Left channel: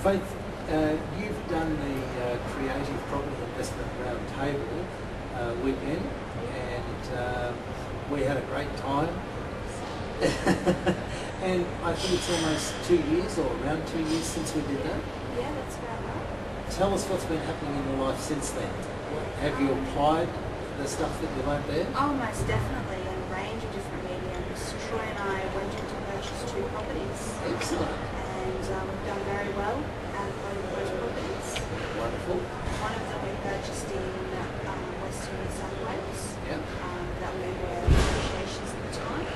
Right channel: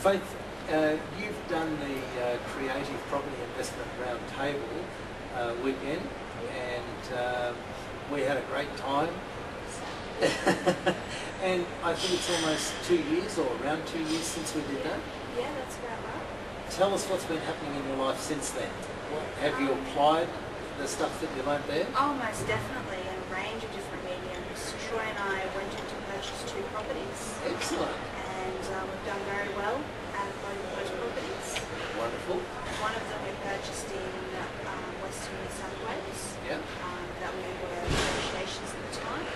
Faith, you've done the Creative Property Investment Roundtable weekend, and we had a great time. And I think it's almost 2 years, or around 2 years, since we did that. Yeah, that's about right. Tell us what's been happening in your life since then. Have you applied the stuff that you learned there? Oh, most definitely, in a range of different mediums. Troy and I went in to purchase 2 properties. Excellent. And we've done very well out of both of those properties. Wonderful. One of them we purchased in Western New South Wales. Yeah. That we were in negotiations at the time.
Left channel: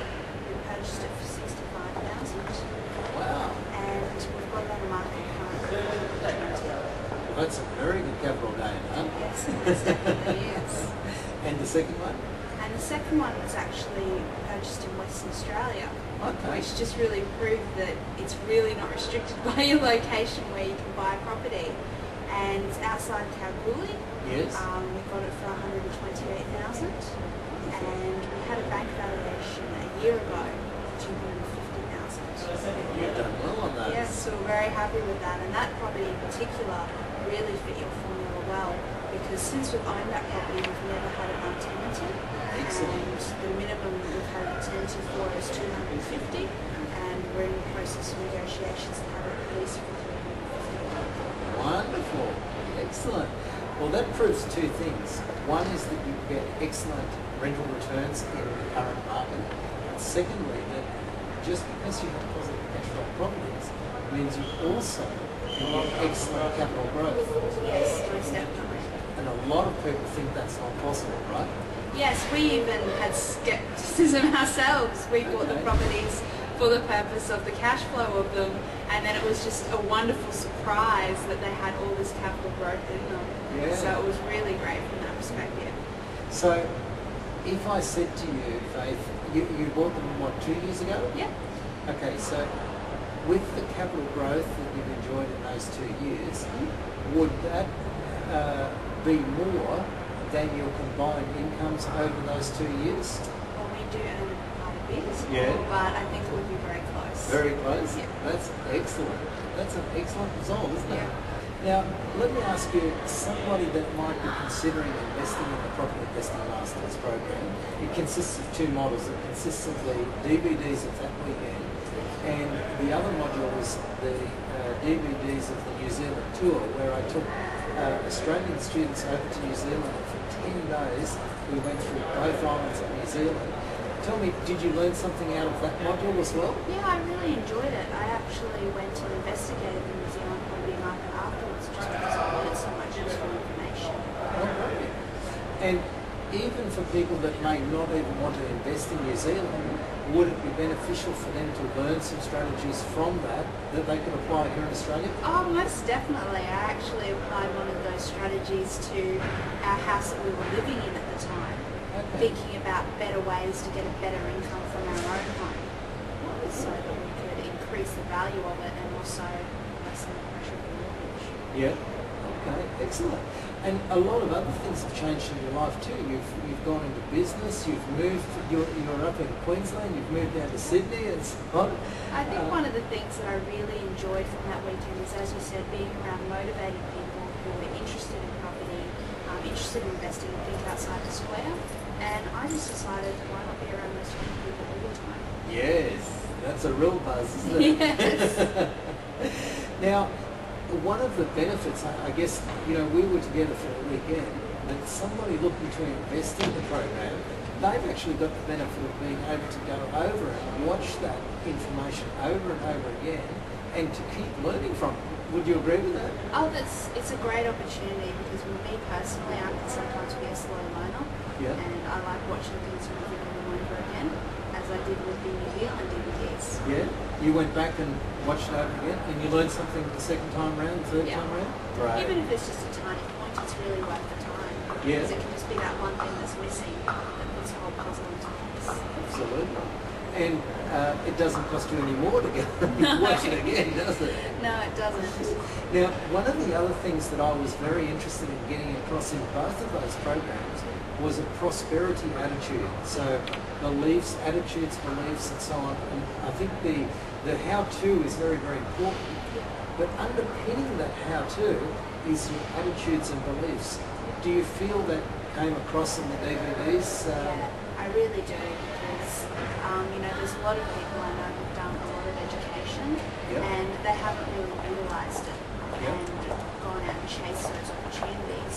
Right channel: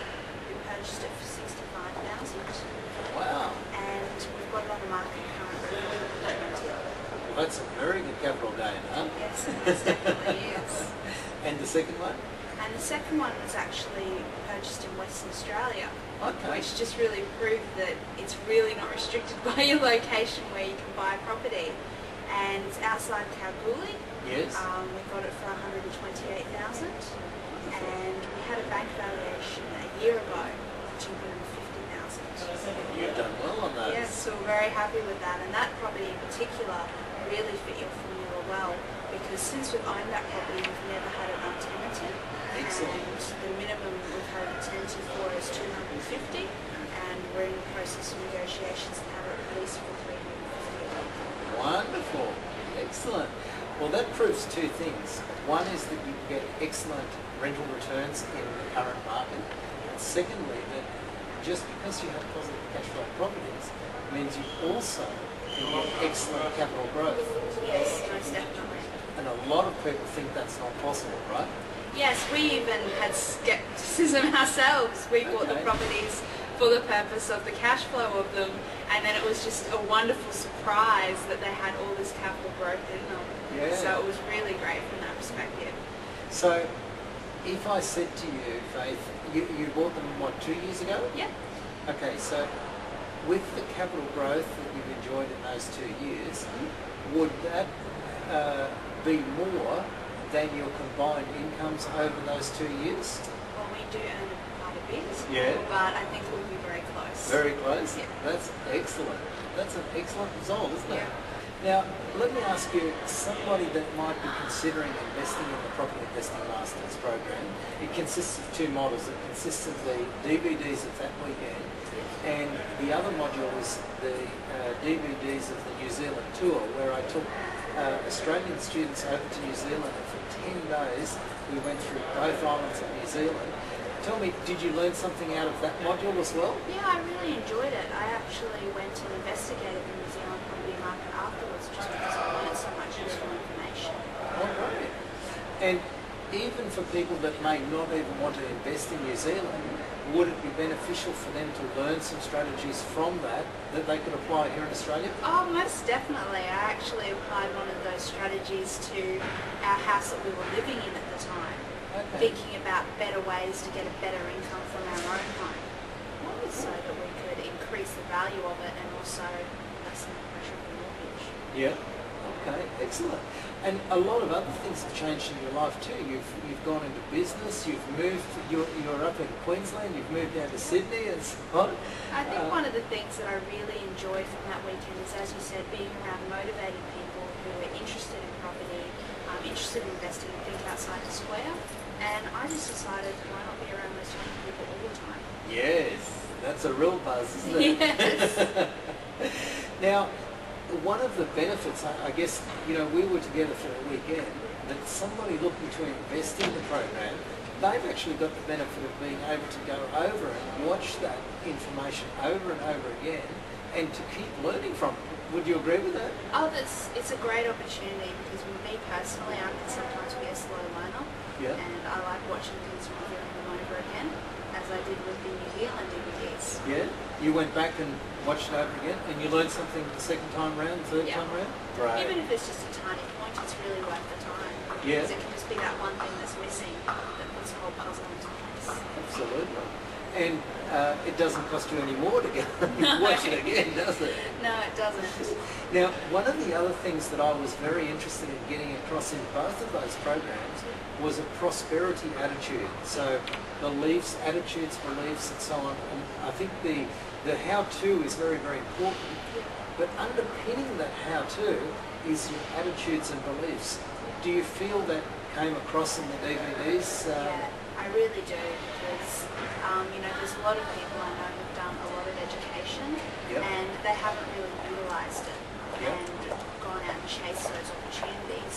We purchased it for $65,000. Wow. And we've got it on the market currently for $20,000. Well, that's a very good capital gain, huh? Yes, it most definitely is. And the second one? And the second one was actually purchased in Western Australia, Okay. which just really proved that it's really not restricted by your location where you can buy property. And it's outside Kalgoorlie. Yes. We got it for $128,000, and we had a bank valuation a year ago for $250,000. You've done well on those. Yes, so we're very happy with that, and that property in particular really fit your formula well, because since we've owned that property, we've never had it untenanted. Excellent. And the minimum we've had it tenanted for is $250, and we're in the process of negotiations to have it leased for $350. Wonderful. Excellent. Well, that proves 2 things. One is that you get excellent rental returns in the current market. And secondly, that just because you have positive cash flow properties means you also can get excellent capital growth. Yes, most definitely. And a lot of people think that's not possible, right? Yes, we even had skepticism ourselves. We bought the Okay. properties for the purpose of the cash flow of them, and then it was just a wonderful surprise that they had all this capital growth in them. Yeah. So it was really great from that perspective. So if I said to you, Faith, you bought them, what, 2 years ago? Yeah. Okay, so with the capital growth that you've enjoyed in those 2 years, would that be more than your combined incomes over those 2 years? Well, we do earn quite a bit, Yeah. but I think it would be very close. Very close? Yeah. That's excellent. That's an excellent result, isn't it? Yeah. Now, let me ask you, somebody that might be considering investing in the Property Investing Masters program, it consists of 2 models. It consists of the DVDs of that weekend, and the other module is the DVDs of the New Zealand tour, where I took Australian students over to New Zealand, and for 10 days we went through both islands of New Zealand. Tell me, did you learn something out of that module as well? Yeah, I really enjoyed it. I actually went and investigated the New Zealand property market afterwards just because I learned so much useful information. Oh, great. And even for people that may not even want to invest in New Zealand, would it be beneficial for them to learn some strategies from that they could apply here in Australia? Oh, most definitely. I actually applied one of those strategies to our house that we were living in at the time, thinking about better ways to get a better income from our own home, so that we could increase the value of it and also lessen the pressure of the mortgage. Yeah. Okay, excellent. And a lot of other things have changed in your life too. You've gone into business, you've moved, you're up in Queensland, you've moved down to Sydney and so on. I think one of the things that I really enjoyed from that weekend is, as you said, being around motivated people who were interested in property, interested in investing and think outside the square. And I just decided, why not be around those type of people all the time? Yes, that's a real buzz, isn't it? Yes. Now, one of the benefits, I guess, we were together for a weekend, that somebody looking to invest in the program, they've actually got the benefit of being able to go over and watch that information over and over again and to keep learning from it. Would you agree with that? Oh, it's a great opportunity, because with me personally, I can sometimes be a slow learner. Yeah. And I like watching things reviewing them over again, as I did with the New Zealand DVDs. Yeah? You went back and watched it over again and you learned something the second time round, the third Yeah. time round? Right. Even if it's just a tiny point, it's really worth the time. Yeah. Because it can just be that one thing that's missing that puts the whole puzzle into place. Absolutely. And it doesn't cost you any more to go watch it again, does it? No, it doesn't. Now, one of the other things that I was very interested in getting across in both of those programs was a prosperity attitude. So beliefs, attitudes, beliefs, and so on. And I think the how-to is very, very important. But underpinning underpinning that how-to is your attitudes and beliefs. Do you feel that came across in the DVDs? Yeah, I really do, because there's a lot of people I know who've done a lot of education, Yep. and they haven't really utilised it Yep. and gone out and chased those opportunities.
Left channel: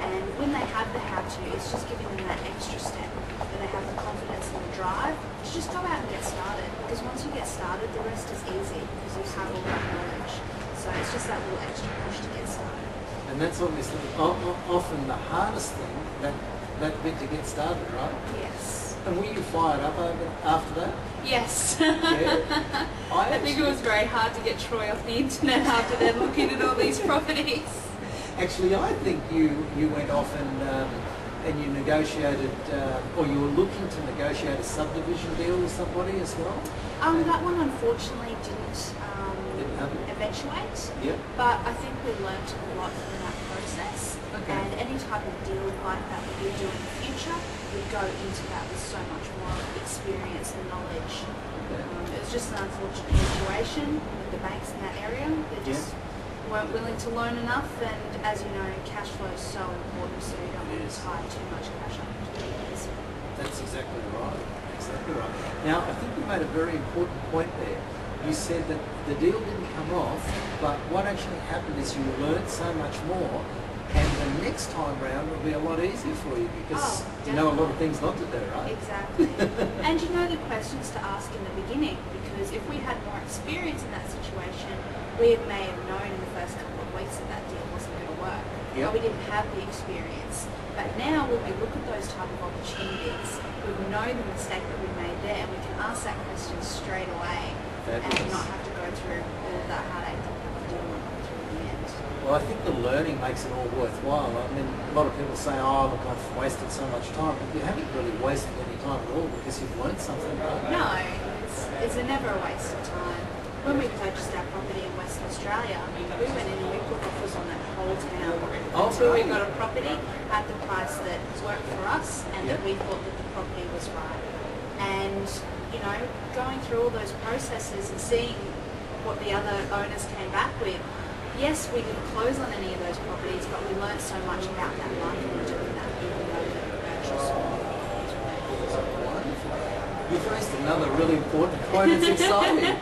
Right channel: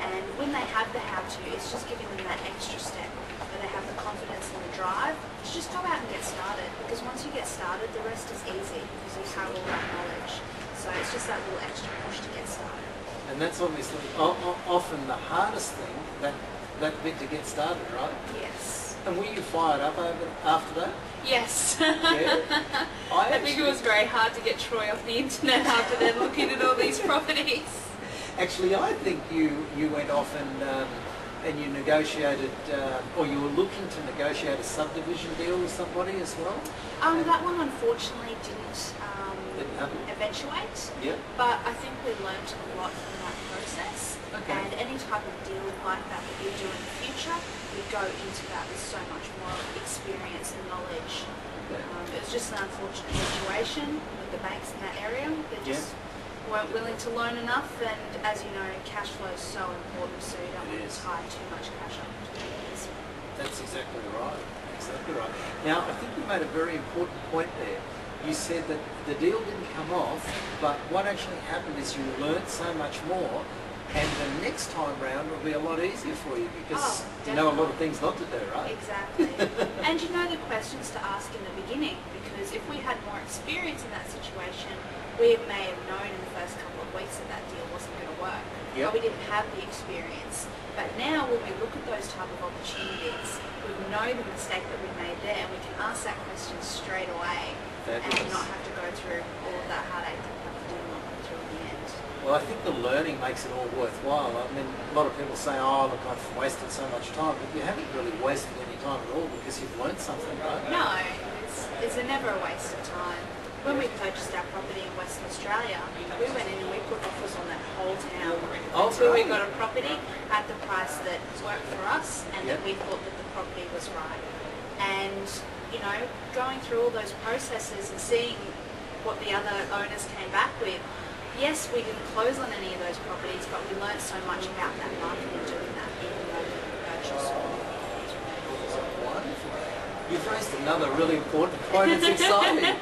And when they have the how-to, it's just giving them that extra step, where they have the confidence and the drive to just go out and get started. Because once you get started, the rest is easy, because you have all that knowledge. So it's just that little extra push to get started. And that's obviously often the hardest thing, that bit to get started, right? Yes. And were you fired up after that? Yes. Yeah. I think it was very hard to get Troy off the internet after then looking at all these properties. Actually, I think you went off and you negotiated, or you were looking to negotiate a subdivision deal with somebody as well? That one unfortunately didn't happen? eventuate. Yep. But I think we learnt a lot from that process. Okay. And any type of deal like that we do in the future, we go into that with so much more experience and knowledge. Okay. It was just an unfortunate situation with the banks in that area. They just weren't willing to loan enough, and as you know, cash flow is so important, so you don't want to tie too much cash up into it. That's exactly right. Exactly right. Now, I think you made a very important point there. You said that the deal didn't come off, but what actually happened is you learnt so much more, and the next time round will be a lot easier for you because you know a lot of things not to do, right? Exactly. And you know the questions to ask in the beginning, because if we had more experience in that situation, we may have known in the first couple of weeks that that deal wasn't going to work. Yep. But we didn't have the experience. But now when we look at those type of opportunities, we know the mistake that we made there, and we can ask that question straight away. Fabulous. And not have to go through all of that heartache that we have to do and come through in the end. Well, I think the learning makes it all worthwhile. I mean, a lot of people say, oh, look, I've wasted so much time, but you haven't really wasted any time at all because you've learned something, right? No, it's never a waste of time. When we purchased our property in Western Australia, we went in and we put offers on that whole town until we got a property at the price that worked for us and that we thought that the property was right. And going through all those processes and seeing what the other owners came back with, yes, we didn't close on any of those properties, but we learned so much about that market and doing that, even though we purchased. You've raised another really important point. It's exciting.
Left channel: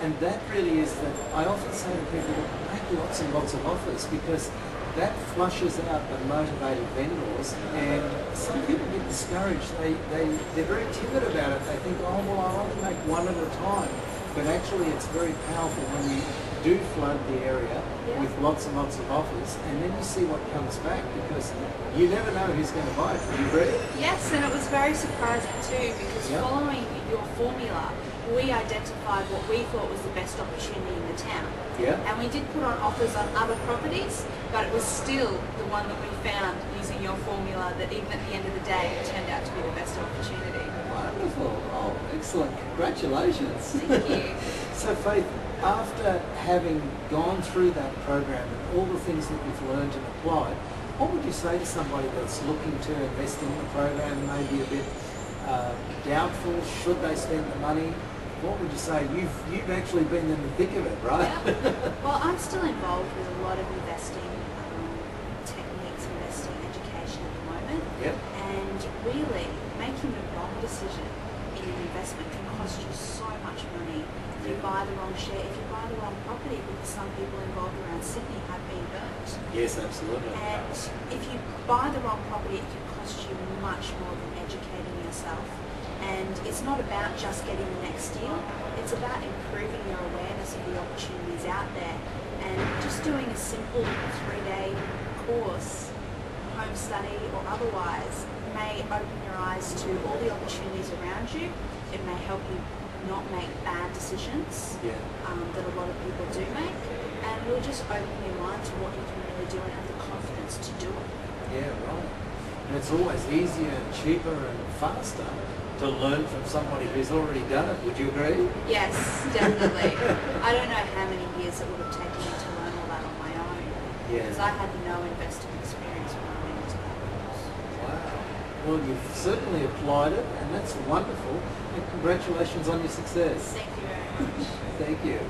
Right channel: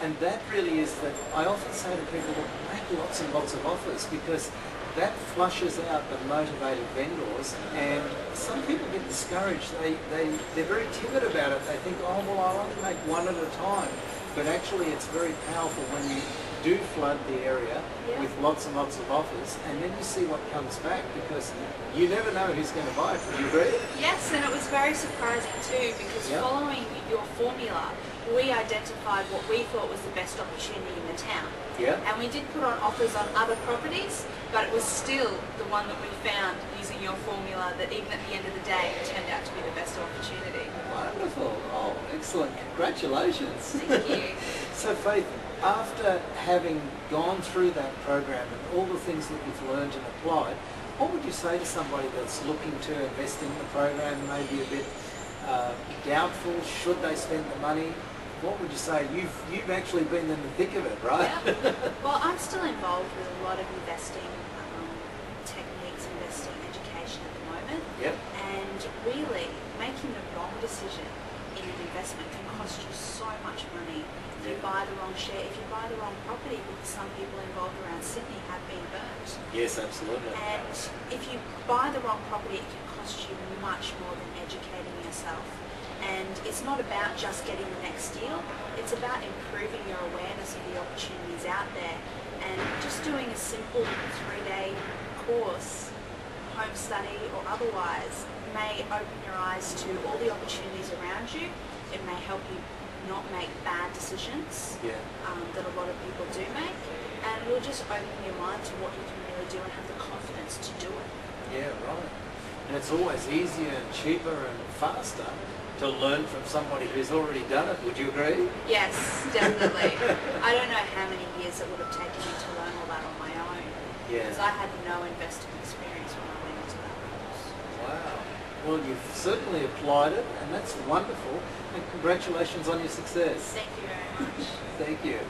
And that really is that I often say to people, make lots and lots of offers, because that flushes out the motivated vendors, and some people get discouraged. They're very timid about it. They think, oh, well, I want to make one at a time. But actually it's very powerful when you do flood the area with lots and lots of offers, and then you see what comes back, because you never know who's going to buy it. Do you agree? Yes, and it was very surprising too, because following your formula, we identified what we thought was the best opportunity in the town. Yeah. And we did put on offers on other properties, but it was still the one that we found using your formula that even at the end of the day turned out to be the best opportunity. Wonderful. Oh, excellent. Congratulations. Thank you. So Faith, after having gone through that program and all the things that you've learned and applied, what would you say to somebody that's looking to invest in the program, maybe a bit doubtful, should they spend the money? What would you say? You've actually been in the thick of it, right? Yeah. Well, I'm still involved with a lot of investing techniques, investing education at the moment. Yep. And really, making the wrong decision in an investment can cost you so much money. If you buy the wrong share, if you buy the wrong property, because some people involved around Sydney have been burnt. Yes, absolutely. And if you buy the wrong property, it can cost you much more than educating yourself. And it's not about just getting the next deal, it's about improving your awareness of the opportunities out there. And just doing a simple 3-day course, home study or otherwise, may open your eyes to all the opportunities around you. It may help you not make bad decisions that a lot of people do make, and will just open your mind to what you can really do and have the confidence to do it. Yeah, right. And it's always easier and cheaper and faster to learn from somebody who's already done it. Would you agree? Yes, definitely. I don't know how many years it would have taken me to learn all that on my own. Yeah. Because I had no investing experience when I went into that course. Wow. Well, you've certainly applied it, and that's wonderful. And congratulations on your success. Thank you very much. Thank you.